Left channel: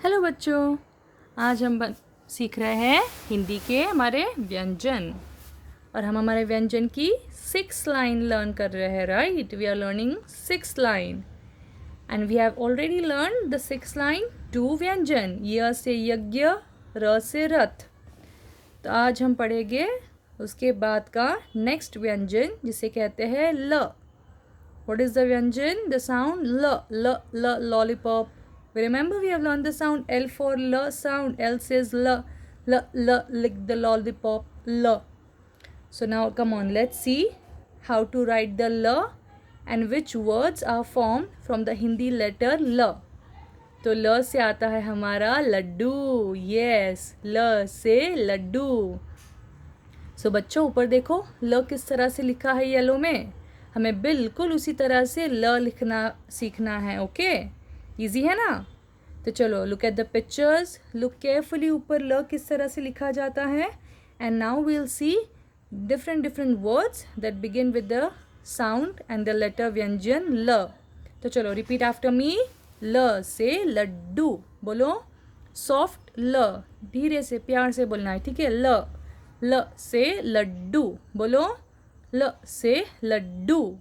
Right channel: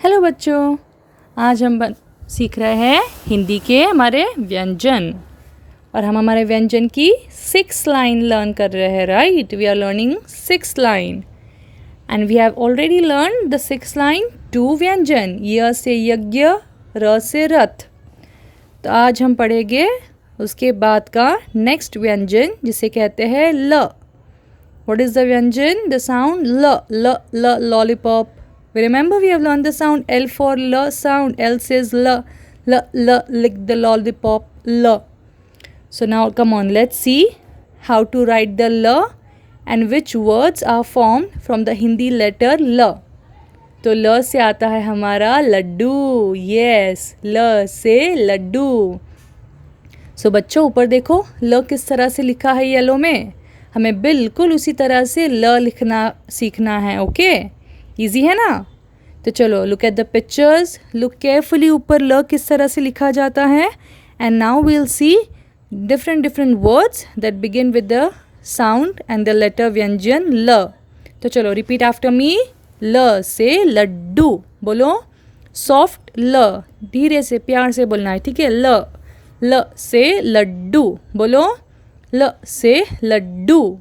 Hello बच्चों, आज हम सीख रहे हैं हिंदी के हमारे व्यंजन। और हम हमारे व्यंजन की 6 लाइन लर्न कर रहे हैं। Right, we are learning 6 line and we have already learn the 6 line 2 व्यंजन, य से यज्ञ, र से रथ। तो आज हम पढ़ेंगे उसके बाद का नेक्स्ट व्यंजन जिसे कहते हैं ल। What is the व्यंजन? The sound ल, ल, ल, lollipop. We remember we have learned the sound L for L sound. L says L, L, L, lick the lollipop, L. So now come on, let's see how to write the L and which words are formed from the Hindi letter L. तो ल से आता है हमारा Laddu. Yes, ल से लड्डू। सो बच्चों ऊपर देखो ल किस तरह से लिखा है येलो में। हमें बिल्कुल उसी तरह से ल लिखना सीखना है। ओके, इजी है ना। तो चलो look at the pictures, look carefully ऊपर ल किस तरह से लिखा जाता है। And now we will see different words that begin with the sound and the letter व्यंजन ल। तो चलो रिपीट आफ्टर मी। ल से लड्डू, बोलो सॉफ्ट ल, धीरे से प्यार से बोलना है, ठीक है। ल, ल से लड्डू, बोलो ल से लड्डू।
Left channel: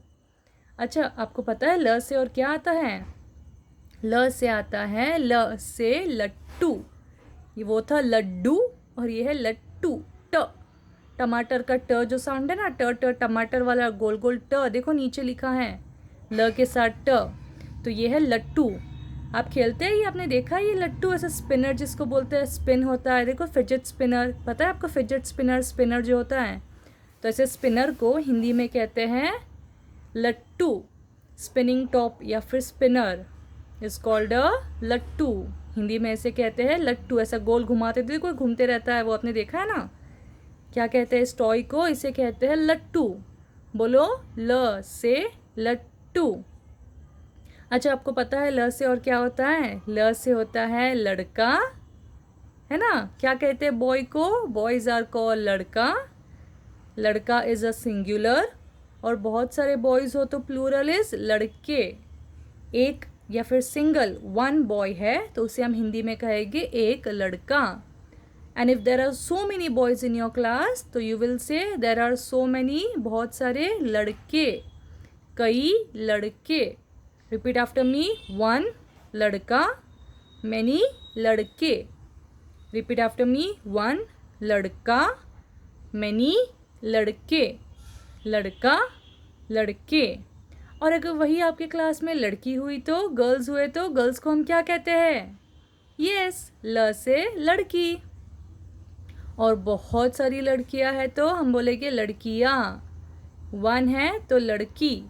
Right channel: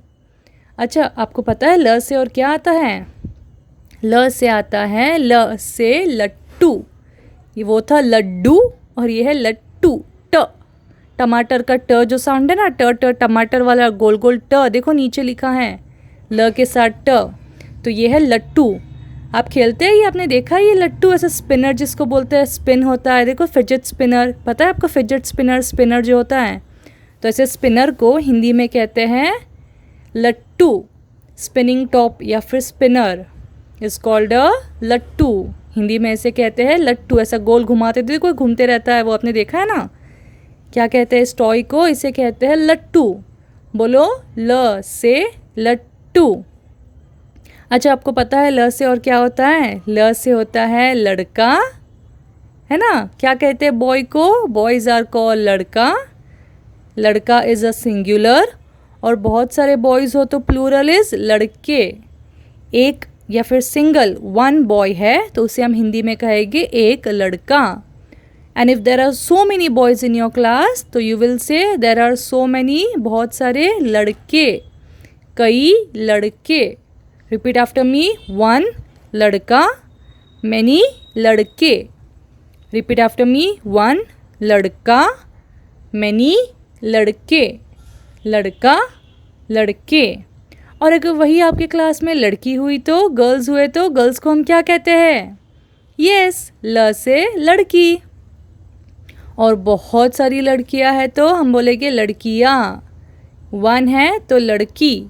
अच्छा, आपको पता है ल से और क्या आता है? ल से आता है ल से लट्टू। ये वो था लड्डू और ये है लट्टू। ट, टमाटर का ट जो साउंड है ना, ट ट, टमाटर वाला गोल गोल ट, देखो नीचे लिखा है ल के साथ ट। तो ये है लट्टू। आप खेलते हैं, ये आपने देखा है ये लट्टू, ऐसा स्पिनर जिसको बोलते हैं, स्पिन होता है, देखो फिजेट स्पिनर, पता है आपको फिजेट स्पिनर, स्पिनर जो होता है। तो ऐसे स्पिनर को हिंदी में कहते हैं लट्टू। स्पिनिंग टॉप या फिर स्पिनर इज कॉल्ड अ लट्टू। हिंदी में ऐसे कहते हैं लट्टू। ऐसा गोल घुमाते थे, कोई घूमते रहता है, वो आपने देखा है ना। क्या कहते हैं इस टॉय को? इसे कहते हैं लट्टू। बोलो ल से लट्टू। अच्छा, आपको पता है ल से और क्या होता है? ल से होता है लड़का, है ना। क्या कहते हैं बॉय को? बॉयज आर कॉल्ड लड़का। लड़का इज अ सिंगुलर और बहुत सारे बॉयज हो तो प्लूरल इज लड़के। एक या फिर सिंगल वन बॉय है तो उसे हम हिंदी में कहेंगे एक लड़का। And if there are so many boys in your class तो you will say there are so many, बहुत सारे लड़के, कई लड़के। रिपीट आफ्टर मी। वन लड़का, मेनी लड़के। रिपीट आफ्टर मी। वन लड़का, मेनी लड़के, लड़का लड़के। और अगर वही आपके क्लास में लड़की हुई तो, गर्ल्स हुए तो, गर्ल्स को हम क्या कहते हैं? यस, ल से लड़की। और बहुत सारी लड़कियां हैं तो हम बोलेंगे लड़कियां। वन है तो लड़की,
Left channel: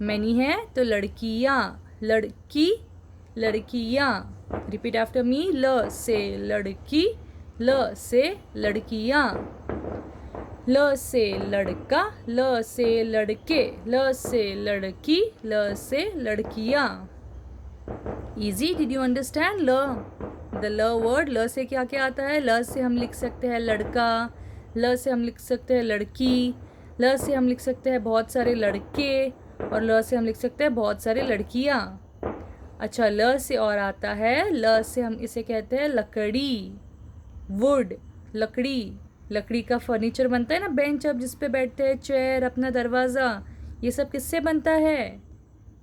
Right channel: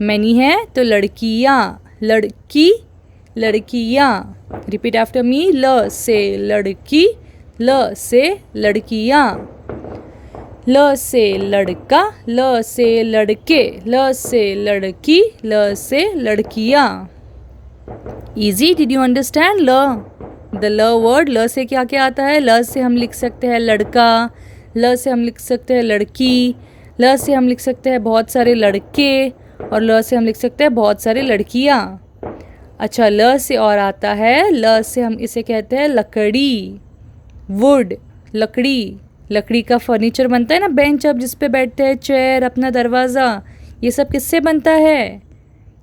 मैनी है तो लड़कियां, लड़की लड़कियां। Repeat after me. ल से लड़की, ल से लड़कियां। ल से लड़का, ल से लड़के, ल से लड़की, ल से लड़कियाँ। ईजी, डिड यू अंडरस्टैंड ल? द ल वर्ड, ल से क्या क्या आता है? ल से हम लिख सकते हैं लड़का, ल से हम लिख सकते हैं लड़की, ल से हम लिख सकते हैं बहुत सारे लड़के, और ल से हम लिख सकते हैं बहुत सारे लड़कियाँ। अच्छा, ल से और आता है, ल से हम इसे कहते हैं लकड़ी, वुड, लकड़ी। लकड़ी का फर्नीचर बनता है ना, बेंच आप जिस पे बैठते हैं, चेयर, अपना दरवाज़ा, ये सब किससे बनता है?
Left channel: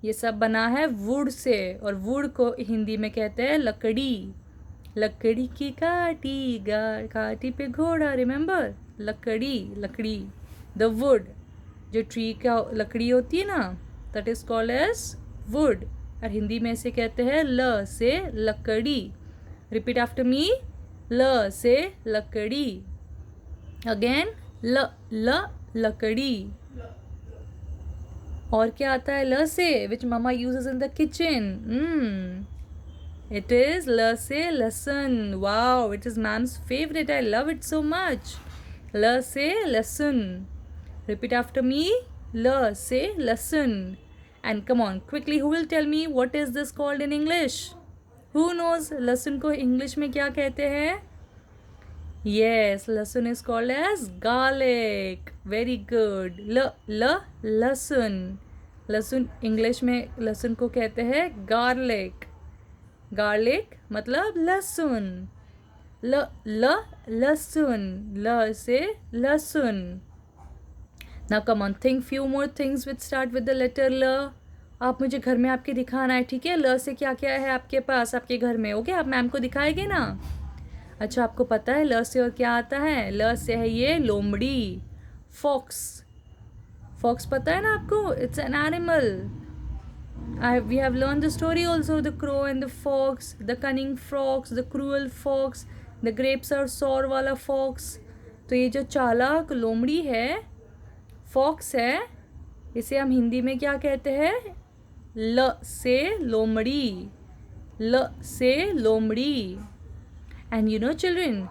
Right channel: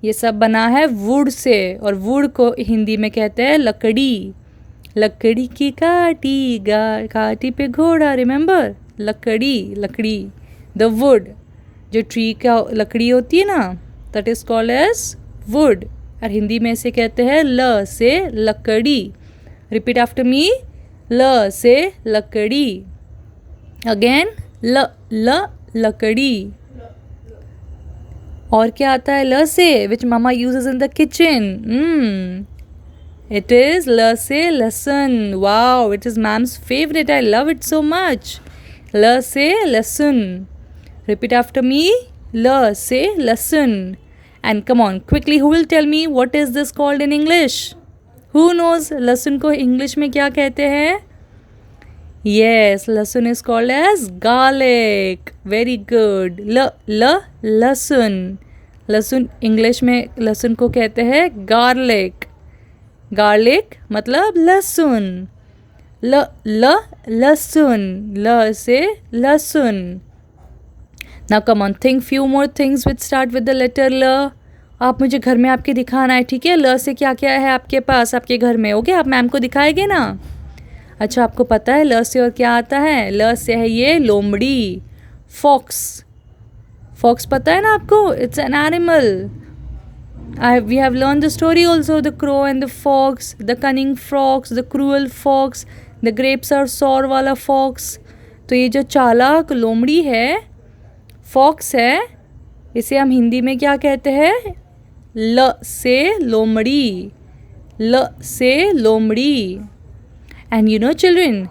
ये सब बना है वुड से। और वुड को हिंदी में कहते हैं लकड़ी। लकड़ी की काटी, काटी पे घोड़ा, रिमेंबर, लकड़ी, लकड़ी। द वुड, जो ट्री का लकड़ी होती है ना, that is called as wood. और हिंदी में इसे कहते हैं ल से लकड़ी। Repeat after me. ल से लकड़ी। अगेन ल, ल लकड़ी। और क्या आता है ल से, which mama uses in the kitchen? It is ल से लहसुन। Wow, it is ma'am's favourite, I love it so much. ल से लहसुन। Repeat after me. ल से लहसुन। And come on quickly, who will tell me what is this called in English? Who knows लहसुन को इंग्लिश में क्या कहते हैं? Yes, लहसुन is called as garlic. Very good. लहसुन। लहसुन इंग्लिश में लहसुन को कहते हैं garlic. गार्लिक मतलब लहसुन, लहसुन, ल से लहसुन. Now come on, think few more things which start with the letter ल. आप मुझे घर में आपके दिखाना है, ठीक है? ल से क्या क्या है आपके पास, आपके घर में? ओके, आप मैम को दिखाएंगे ना? अच्छा, आपको पता है ल से और क्या आता है? ल से है ये लोमड़ी, फॉक्स. फॉक्स पता है ना आपको? It's an animal. We have learned the story also, the crow and the fox, the cunning fox, the cruel fox, the grapes are sour वाला fox. तो ये जो चालाक लोमड़ी है, फॉक्स है, इसे हम हिंदी में क्या कहते हैं? ल से लोमड़ी, ल से लोमड़ी. And you know children,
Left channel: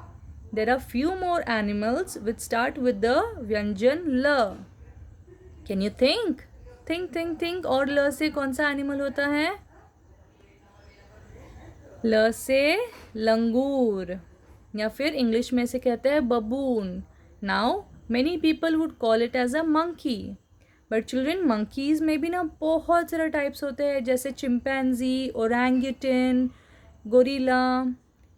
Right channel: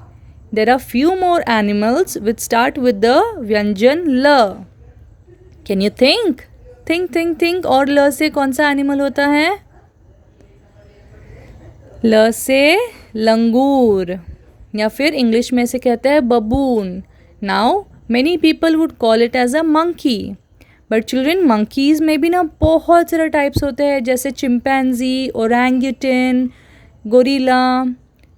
there are few more animals which start with the व्यंजन ल. Can you think? think. और ल से कौन सा एनिमल होता है? ल से लंगूर, या फिर इंग्लिश में से कहते हैं baboon. Now many people would call it as a monkey, but children monkeys में भी ना बहुत सारे टाइप्स होते हैं, जैसे chimpanzee, orangutan, gorilla.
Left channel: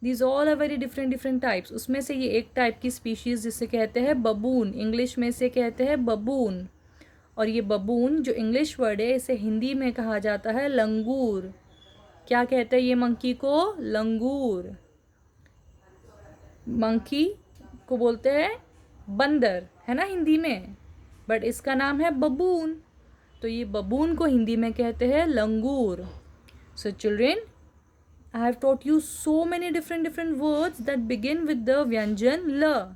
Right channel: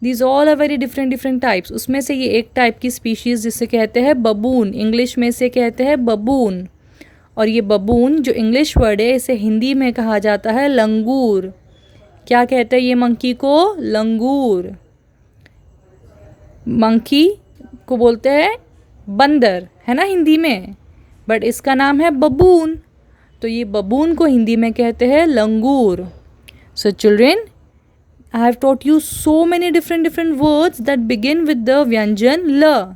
These all are very different types. उसमें से ये एक टाइप की स्पीशीज़ जिसे कहते हैं बबून, इंग्लिश में से कहते हैं बबून. और ये बबून जो इंग्लिश वर्ड है, इसे हिंदी में कहा जाता है लंगूर. क्या कहते हैं ये मंकी को? लंगूर. मंकी को बोलते हैं बंदर, है ना हिंदी में, बट इसका नाम है बबून. तो ये बबून को हिंदी में कहते हैं लंगूर. So children, I have taught you so many different words that begin with the व्यंजन ल.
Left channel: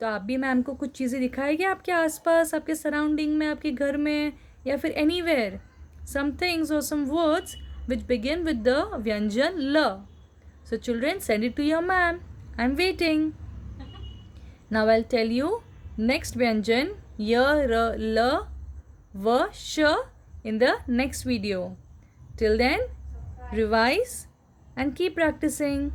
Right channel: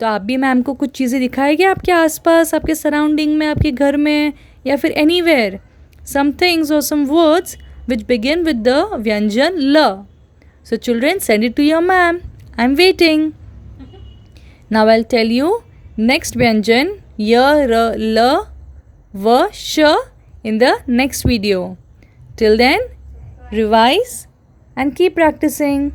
तो आप भी मैम को कुछ चीज़ें दिखाएंगे आपके आसपास, आपके सराउंडिंग में, आपके घर में, या फिर एनीवेयर, सम थिंग्स और some words which begin with the व्यंजन ल. So children, send it to your ma'am. I am waiting. Now I will tell you next व्यंजन य, र, ल, व, श in the next video. Till then, revise and keep practicing.